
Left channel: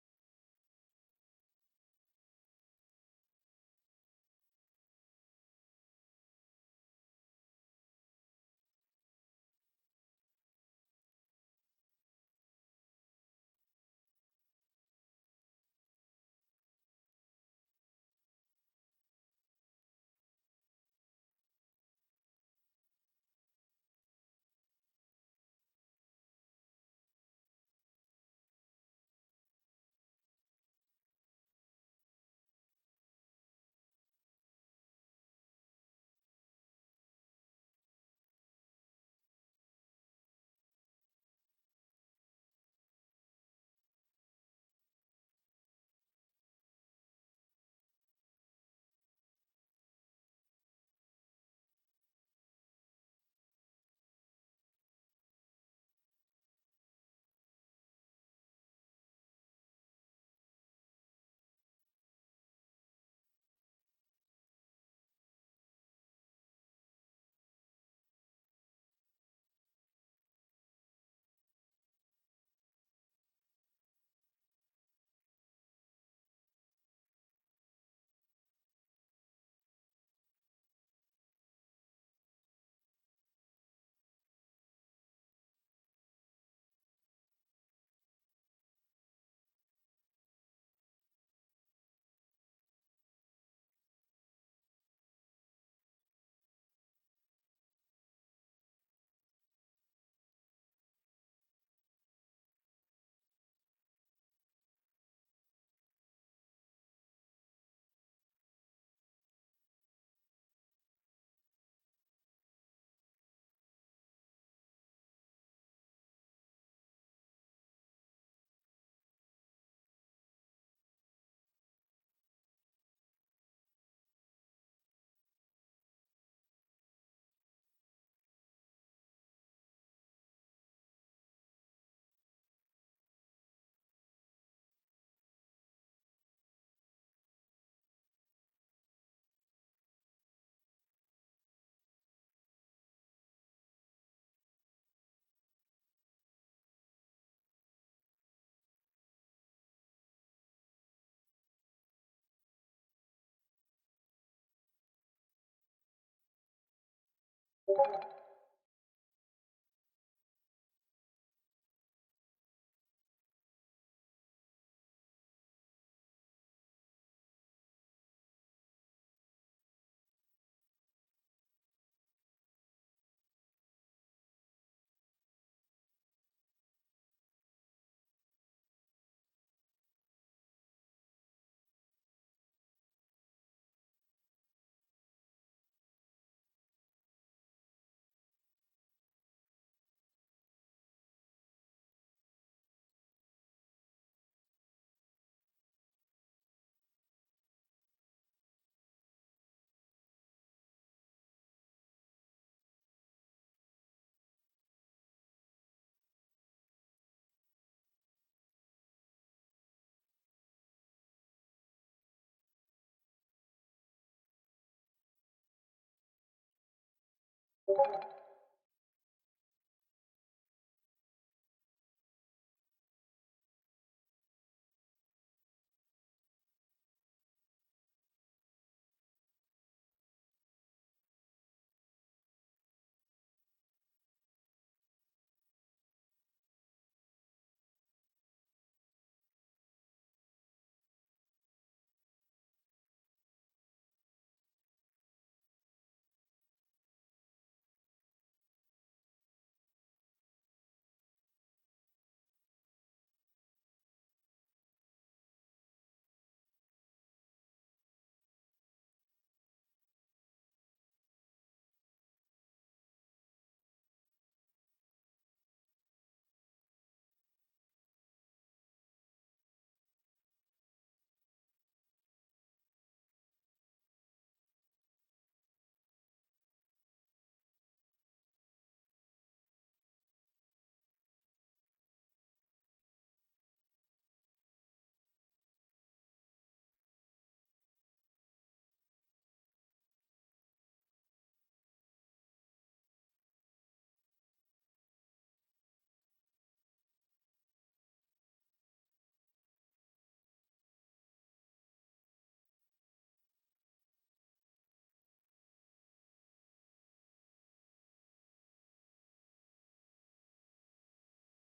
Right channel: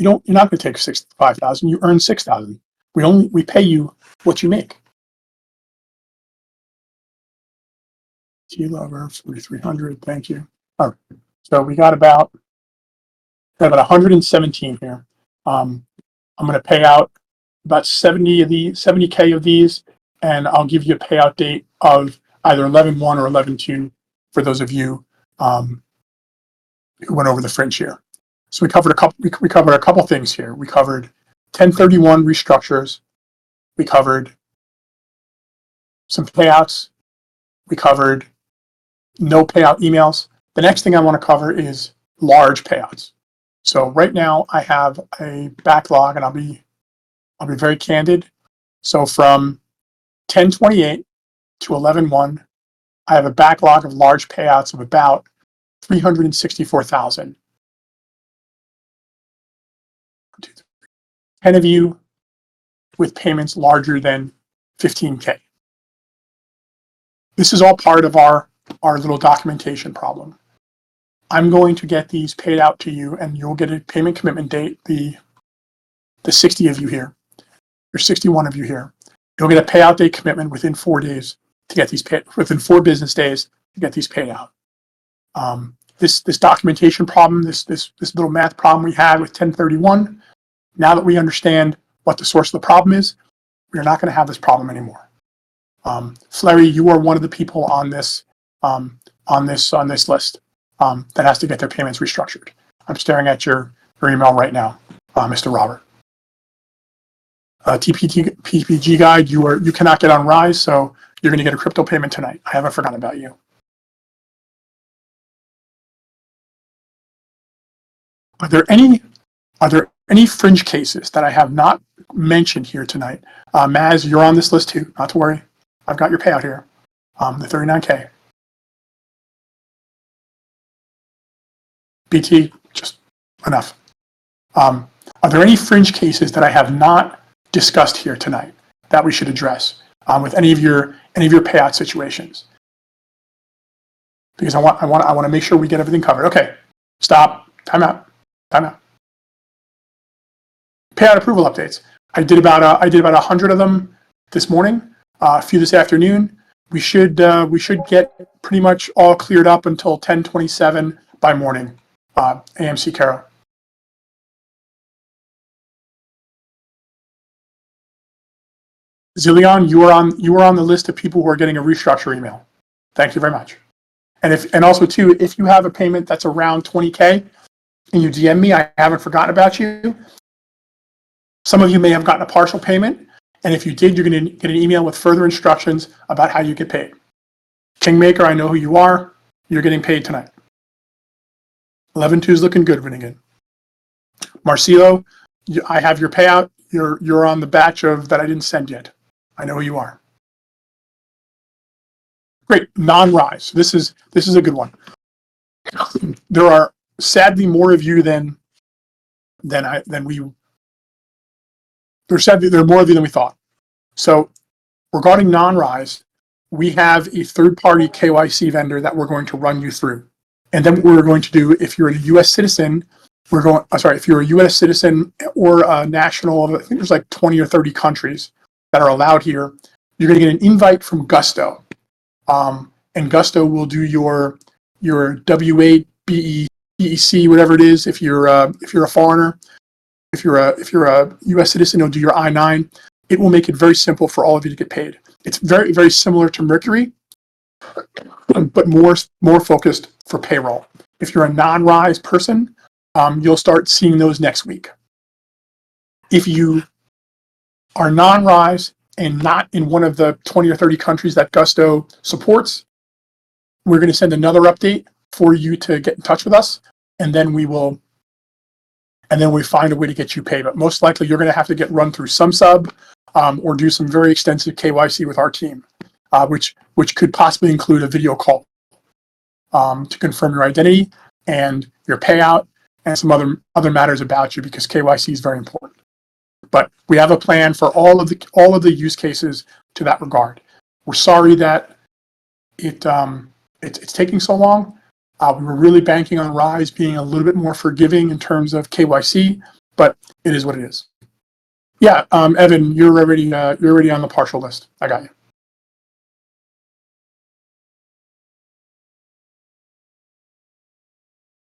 No, you're not going to take 5,000. You earn 6,000. We pay you what you make. T-Lover 4,300. Thank you. All right. So we got about 117 here. I'm going to pay out about 70K of these, and I'll give you a payout date of either 11-1 or 11-2 for those of you who went over the fringe here. So we covered a couple things here. We covered 1031 restructures. We covered some payouts. We covered no payout emails. The next thing I want to cover is large payouts. So right now I have a backlog, and I'll be very candid. So from 10/28 to 11/1, I have a backlog of large payouts of about 364,000. 10 of you with payments larger than 15K. This is all part of our little documentation problem. I'm going to get these paid out to you, and you'll get a payment commitment date, the 60 of you here, or 61 of you here. You'll get a payout date commitment within 4 days to get these paid, within 4 business days to get these paid out. This documentation problem, this little math problem we had with 1031, now that we understand what the source of the problem is, we're not going to have this problem anymore. Flurry, you are one of the people on this list that has to get their payments restructured. I'm staring at your email right now, Mr. Robert. PPG guide, you cannot get on Rise, so you're going to get a crypto payment tonight. I haven't forgotten about you. Are there any fringe cases that I have not mentioned here tonight? Maz, you're on this list too. Not to worry. I've got your payout here, the 39K. BT, just enough. Are there any fringe cases that I have not discussed here tonight that we should address with any of your payout situations? Because I want to make sure we get everything covered. Okay, stop. Time out. Payout approval updates. I did about 100 of them this morning. A few this afternoon. We should get pretty much all cleared up until 10:27 by morning. AMC Caro. Zillion, you are on the list of people who are getting a restructure email. Thank you very much. And also too, if you have a payment that's around 20K and you DM me, I haven't forgotten about you. Some of you may have gotten a partial payment, and if you did, you're going to get an email with further instructions about how you get paid. Kingmaker, I know who you are. You're getting paid tonight. 11/2 is looking good, Vinnigan. Marcelo, I have your payout. You're on the batch of that I didn't send yet. I know who you are. Great, non-rise. This is a good one. There are sadly more of you than we. There are more of you than we thought. So regarding non-rise, we have a third-party KYC vendor that we're going to run you through. And then what we're going to do, if you're a U.S. citizen, if you're a U.S. citizen or a national of, I think there's like 20 or 30 countries that are allowed here, you're going to get an invite from Gusto. And Gusto will do your W8, BEC, whatever it is, if you're a foreigner. If you're a U.S. citizen, it'll do your I-9. It will make it very simple for all of you to get paid. It's very, very similar to Mercury, but more focused for payroll. If you're a non-rise person, you'll start seeing those next week. If you are non-rise and not in one of the 20 or 30 countries that Gusto supports, we're going to send another update for you to get in touch with us, and then we find a way to get you paid. But most likely, you're going to have to get run through some sub or do some very extensive KYC with our team, which could possibly include a video call to confirm your identity and your payout and some other matters about you, because KYC is very important. But we have a plan for all of the use cases to that regard. We're sorry that it's taking so long. We were really banking on Rise being a little bit more forgiving in terms of KYC, but it is what it is. Yeah, Evan, you're already on the partial list. I got you.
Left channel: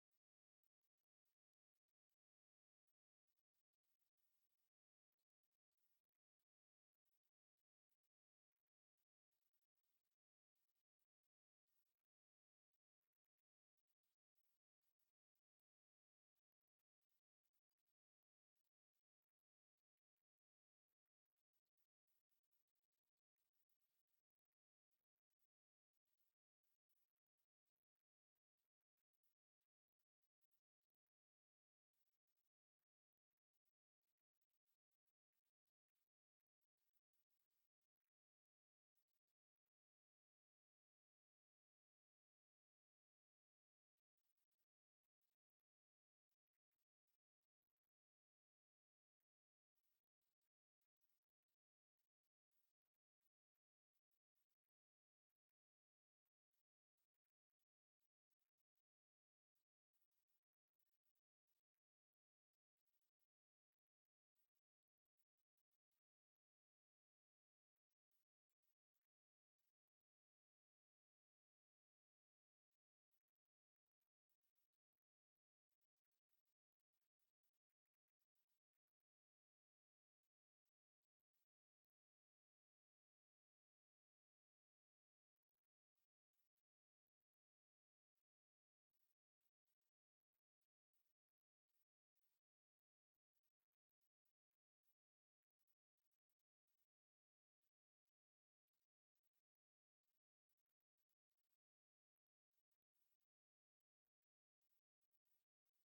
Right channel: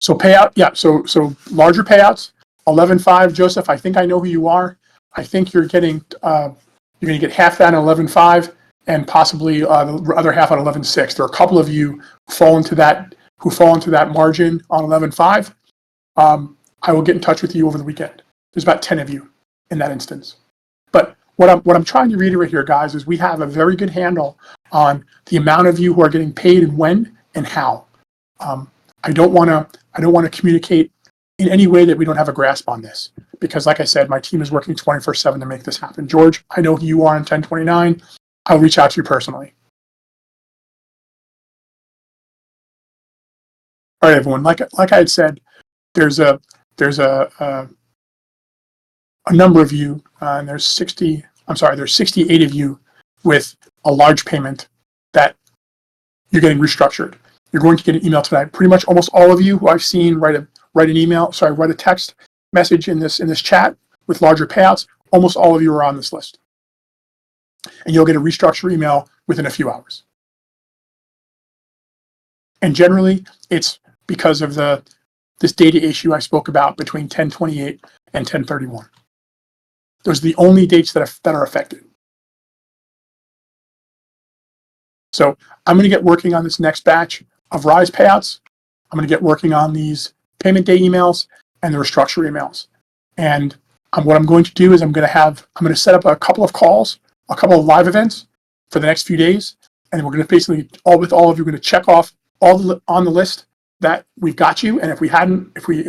So payout, yeah. So larger payouts, 11.5. Joseph, I think I know who you are. I think you're going to get half that on 11.5 and possibly the other half on 11.6. There are a couple of you who fall into that margin on 11.5. I will get in touch with you over the weekend. There's about 10 of you in that instance. But what I'm trying to reiterate here, guys, is we have a very good handle on the amount of you who are getting paid and when and how. I don't want to communicate in any way that we don't have a grasp on this, because like I said, my team is working 24/7 to make this happen. George, I know who you are on 1029. I'll reach out to you personally. All right, everyone. Like I had said, there's a number of you, and there's 68 of you with a large payment that you're getting restructured. You're going to get an email tonight. Pretty much almost all of you who I've seen write a text message in this chat with larger payouts. Almost all of you are on this list, and you'll get a restructure email within a few hours. And generally, it's because of this data issue I spoke about between 1028 and 1031. Those are the only dates that are affected. So I'm going to get working on this next batch of Rise payouts. I'm going to get working on these payment day emails and the restructure emails. And what I'm going to do is I'm going to set up a couple of calls, a couple of live events for the next few days, and we're going to basically all of you are going to check off all on the list that we've got you. And if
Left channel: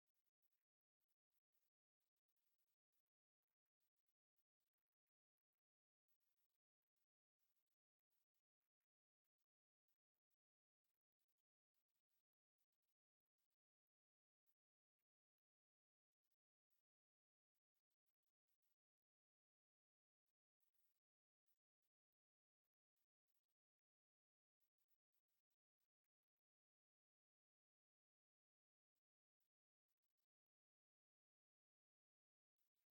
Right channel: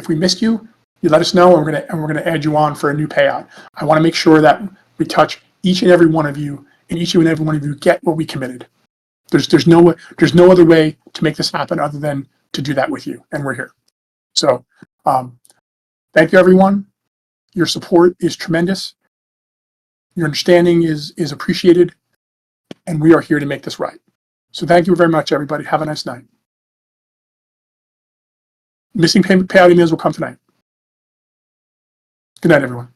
we missed you, you let us know, and we're going to add you on for a new payout. I want to make sure that we touch each and every one of you, and each and every one of you get what we committed. There's no other way to make this happen other than to do that with you, and we're here. So thank you, everyone. Your support is tremendous. Your understanding is appreciated, and we are here to make this right. So thank you very much, everybody. Have a nice night. Missing payment payout emails will come tonight. Good night, everyone.